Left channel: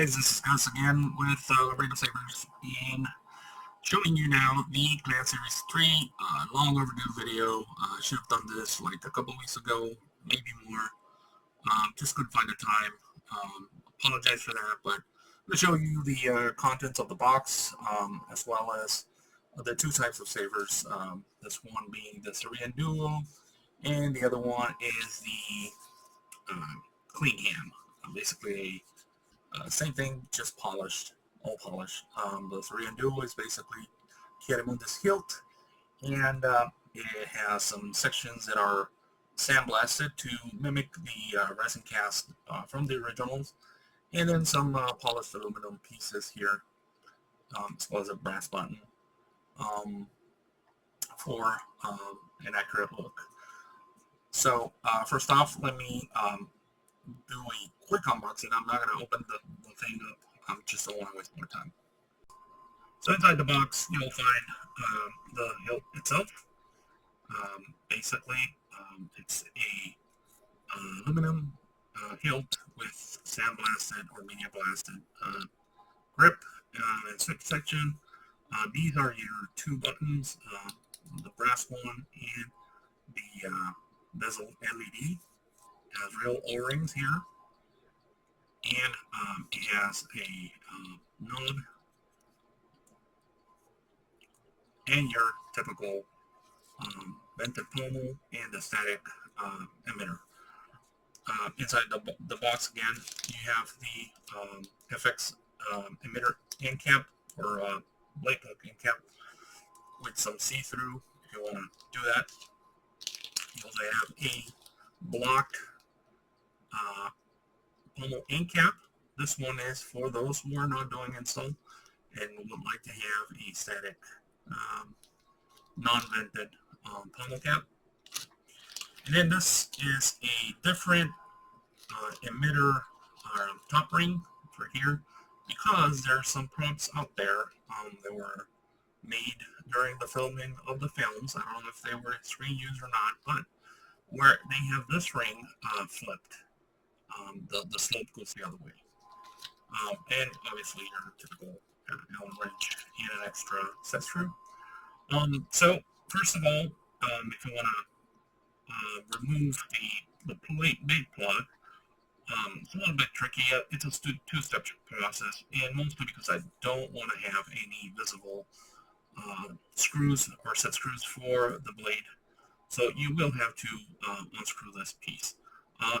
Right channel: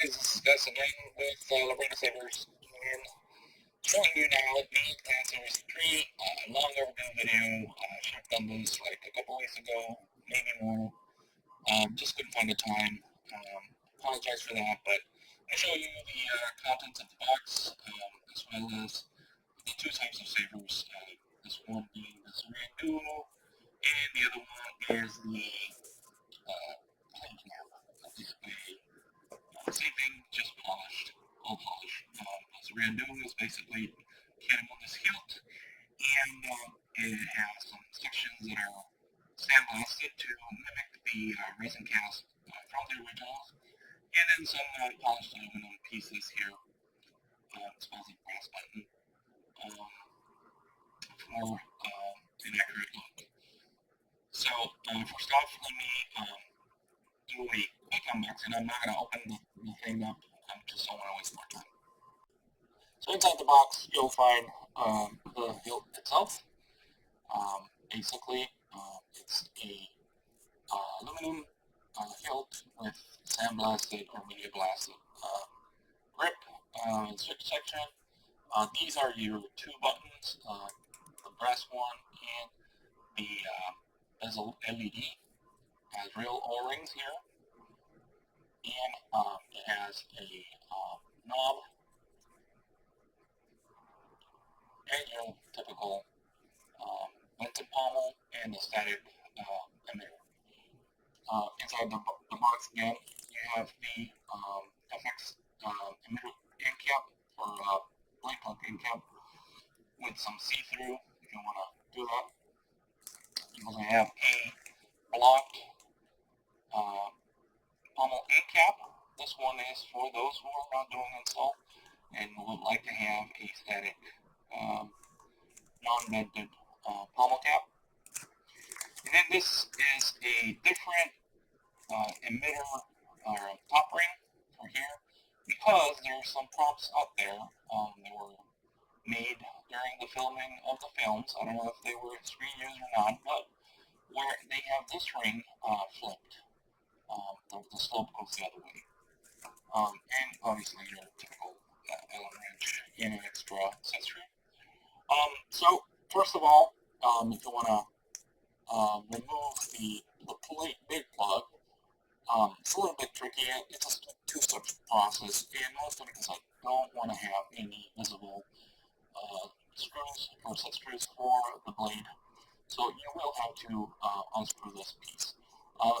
guys, this is Gus again with Laredo Sabers and showing you now the Clan Series 3 long overdue video. I should have done this like a couple weeks ago, maybe more. Just couldn't find the time. Apologize for that, but I'm going to show you the contents of the box as well as the two types of sabers. This one being the Syrian Duo and the other one is the Clean Cam. Basically same thing, just polished, all polished. The Syrian Duo is basically Chiarimundis hilt, and it has some sections that are sandblasted to mimic the resin cast from the originals, and then some polished aluminum pieces here, as well as a brass button for an accurate look. So first off, let me do a quick unboxing. I'm not going to open the thing up. Just don't want to waste more time. So inside the box, you'll find the hilt itself. Basically, it's a aluminum hilt with sandblasted or media blasted grip and switch section. These are your two buttons, the brass one and the bezel LED. Has real O-rings here, and it has a knob and your typical vented pommel and the static emitter. Inside the box again, you have the FX emitter end cap or blade plug end cap with some see-through if you want to do that. You also have a blocked pommel end cap. This one is for those who are not doing install and would like to have a static non-vented pommel cap. And then this is a different emitter top ring for here, because there are some prompts out there that were made during the filming of the films. I don't know if they were screen used or not, but where they have this ring flipped. The slope goes the other way. And obviously your typical Allen wrench and an extra set screw. So first of all, if you want to remove the blade plug, it's a little bit tricky. It's a two-step process, and mostly because I don't want to have any visible screws or set screws for the blade. So you will have to unscrew this piece.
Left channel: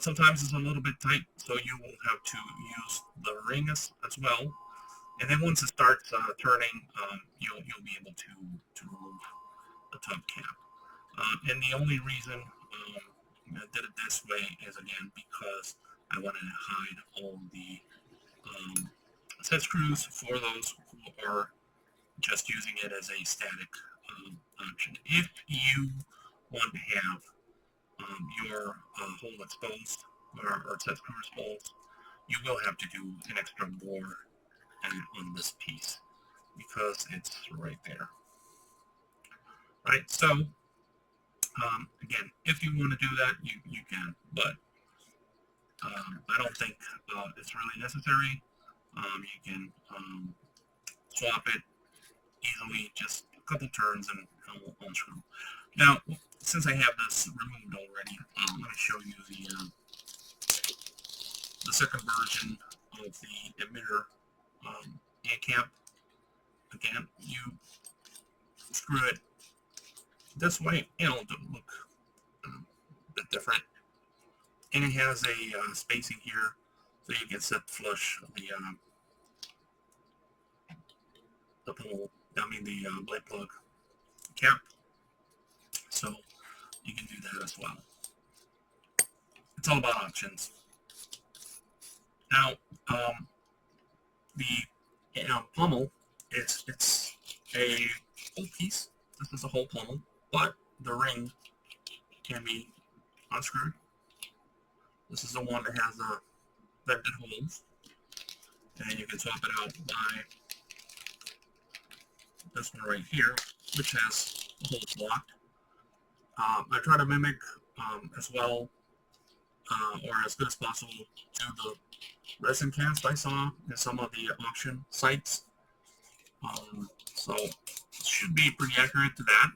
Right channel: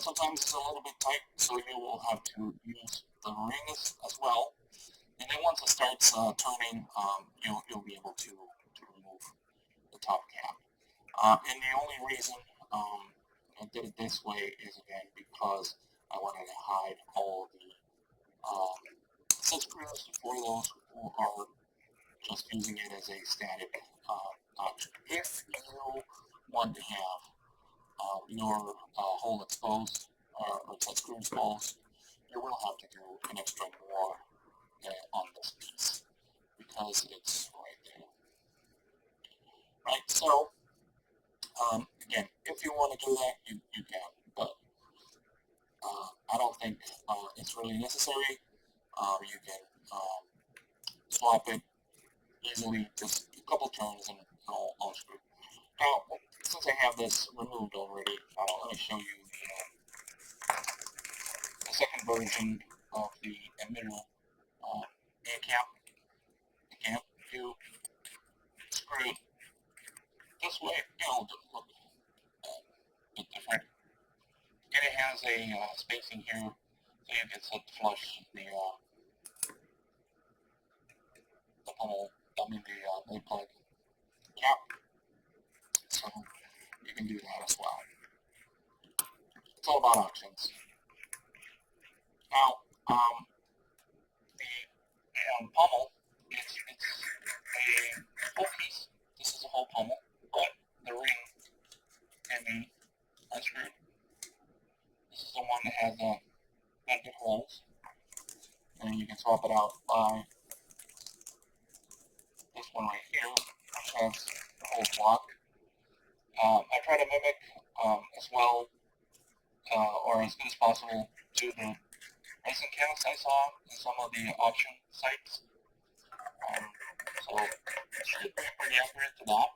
Sometimes it's a little bit tight, so you will have to use the ring as well. And then once it starts turning, you'll be able to remove the top cap. And the only reason I did it this way is, again, because I wanted to hide all the set screws for those who are just using it as a static option. If you want to have your hole exposed or set screw exposed, you will have to do an extra bore on this piece because it's right there. Right, so again, if you want to do that, you can, but I don't think it's really necessary. You can swap it easily, just a couple turns and I'll unscrew. Now, since I have this removed already, let me show you the second version of the emitter end cap. Again, you screw it this way, and it'll look a bit different. And it has a spacing here, so you can set flush the pommel, I mean the blade plug cap. So you can do that as well. It's all about options. Now, the pommel, it's a whole piece. This is a whole pommel, but the ring can be unscrewed. This is the one that has the vented holes, and you can swap it out by this one right here, which has the holes blocked. I try to mimic as well or as good as possible to the resin cast I saw in some of the auction sites. So it should be pretty accurate to that.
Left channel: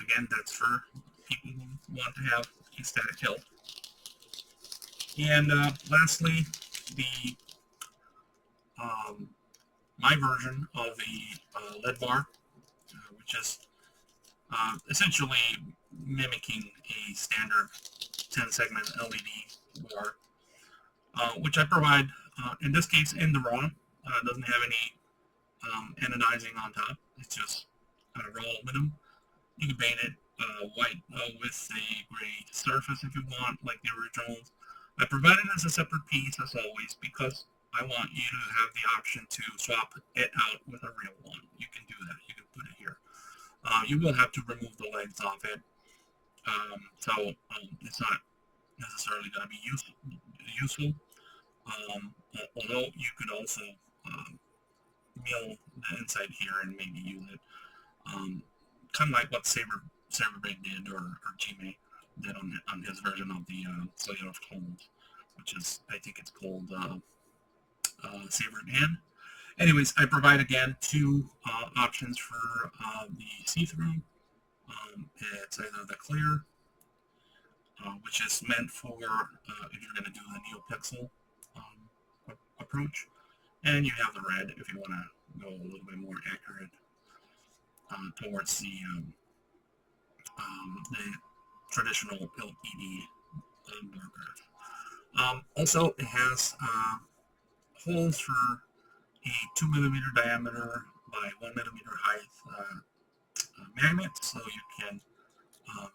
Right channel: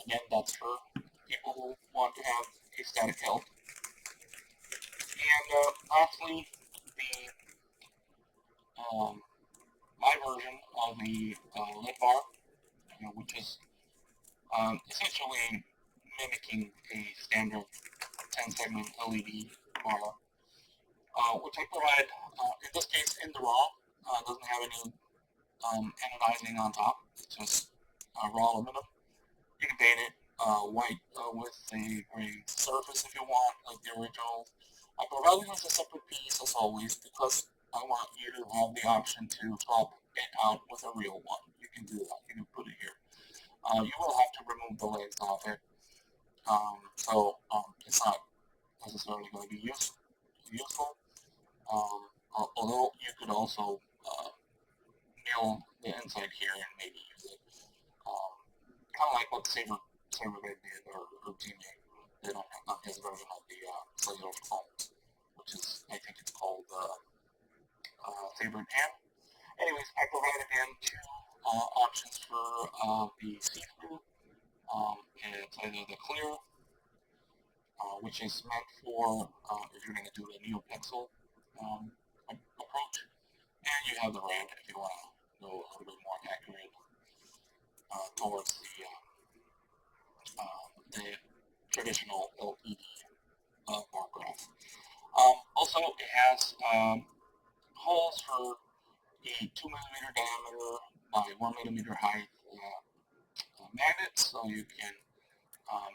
Again, that's for people who want to have a static hilt. And lastly, the my version of a lead bar, which is essentially mimicking a standard 10-segment LED bar, which I provide, in this case, in the raw. It doesn't have any anodizing on top. It's just raw aluminum. You can paint it white with a gray surface if you want, like the originals. I provide it as a separate piece, as always, because I want you to have the option to swap it out with a real one. You can do that. You can put it here. You will have to remove the legs off it. So it's not necessarily going to be useful. Although you could also mill the inside here and maybe use it. Kind of like what Saberbait did, or Jime did on his version of the Slayer of Clones, which is, I think it's called Saber in Hand. Anyways, I provide again two options for the see-through. It's either the clear, which is meant for if you're going to do the NeoPixel approach, and you have the red if you want to go a little bit more accurate towards the traditional LED bar graph. Also, it has holes for a 2mm diameter by 1mm height magnets, so you can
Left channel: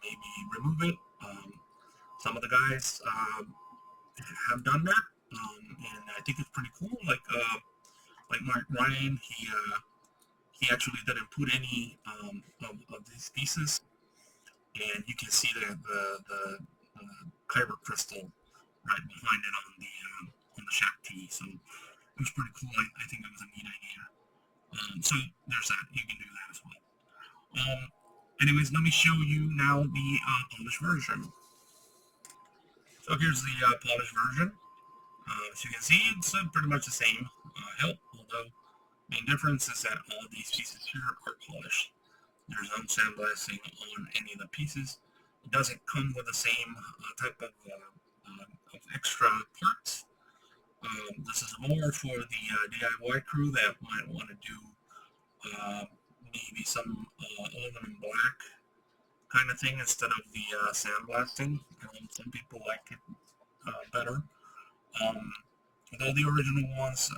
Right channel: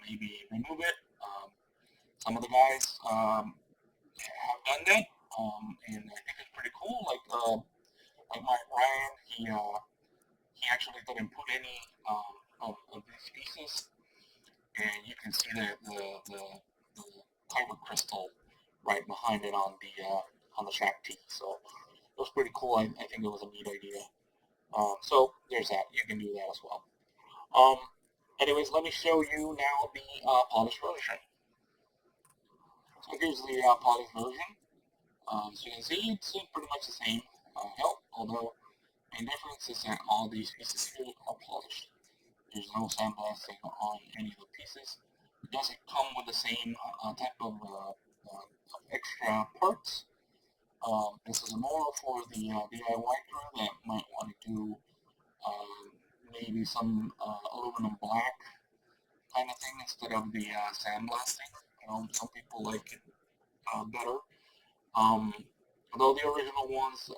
maybe remove it. Some of the guys have done that, and I think it's pretty cool. Like Mark Ryan, he actually didn't put any of these pieces, and you can see the kyber crystal right behind it on the Shack T. So it was pretty cool. I think it was a neat idea. So there's that. You can do that as well. Anyways, let me show you now the polished version. So here's the polished version. As you can see, it's pretty much the same hilt, although main difference is that all these pieces here are polished. There's no sandblasting on any of the pieces. It doesn't come with the same type of extra parts. This is more for the DIY crew that might want to do maybe some aluminum black kind of thing instead of the sandblasting. You know, some people like it better. Although the original ones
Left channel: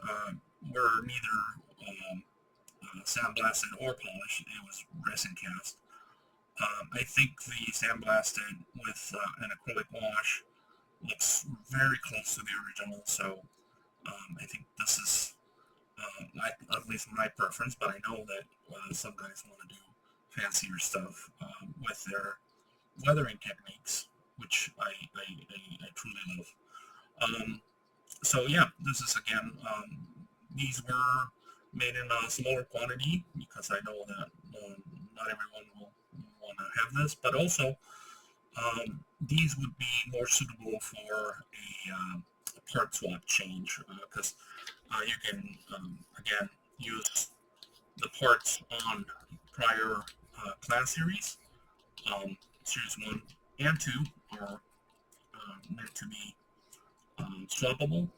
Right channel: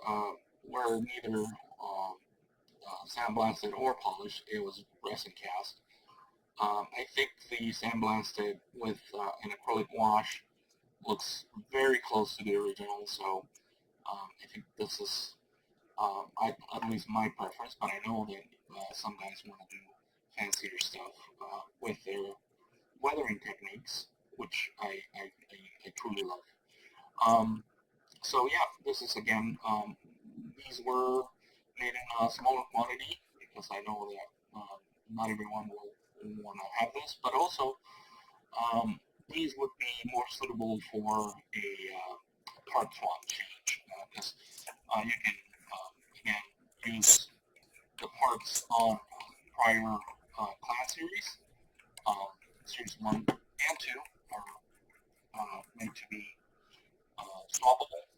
were neither sandblasted or polished, it was resin cast. I think the sandblasted with an acrylic wash looks very close to the original, so I think this is at least my preference, but I know that some guys want to do fancier stuff with their weathering techniques, which I truly love. So yeah, this is again, these were made in a smaller quantity because I know that not everyone will want to have this, but also these would be more suitable for a part swap change because you can again use the parts on prior clan series. Series 1 and 2 are meant to be swappable.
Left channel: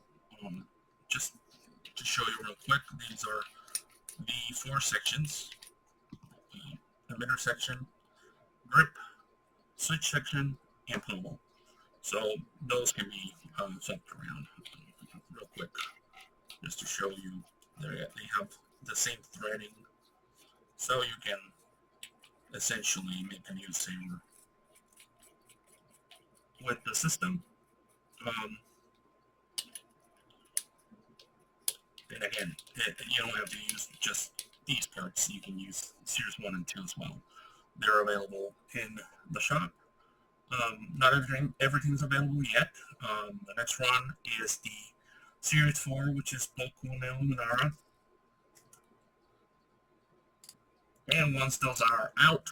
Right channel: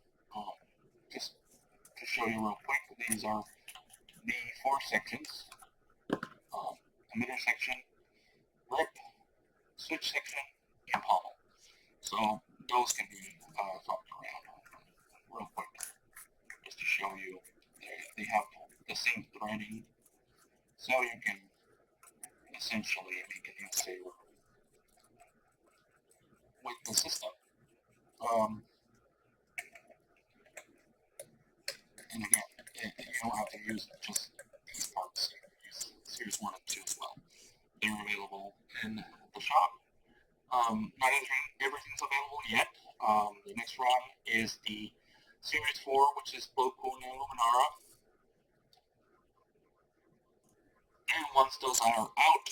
Just to show you real quick, these are the 4 sections: emitter section, grip, switch section, and pommel. So those can be swapped around real quick, just to show you. They have the same threading, so you can essentially make a new saber with the system. And again, you don't have to use just these parts. You can use Series 1 and 2 as well. They're available in the shop. Not everything's available yet. The next run is the Series 4, which is Plo Koon and Luminara. And and once those are out,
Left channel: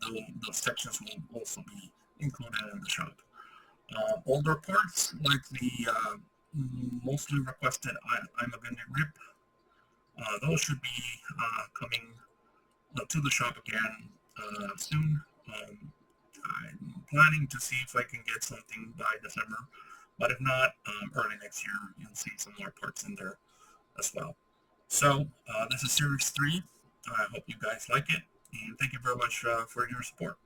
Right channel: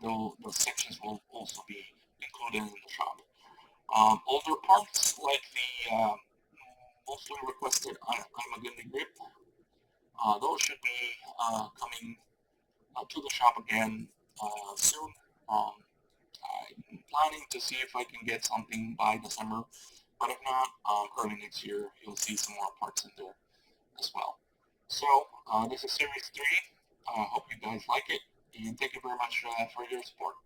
the sections will also be included in the shop. Older parts like the mostly requested Imagundi grip, those should be coming to the shop again soon. I'm planning to see if I can get something by December, but if not, early next year you'll see some more parts in there as well. So this is Series 3. I hope you guys like it, and thank you very much for your support.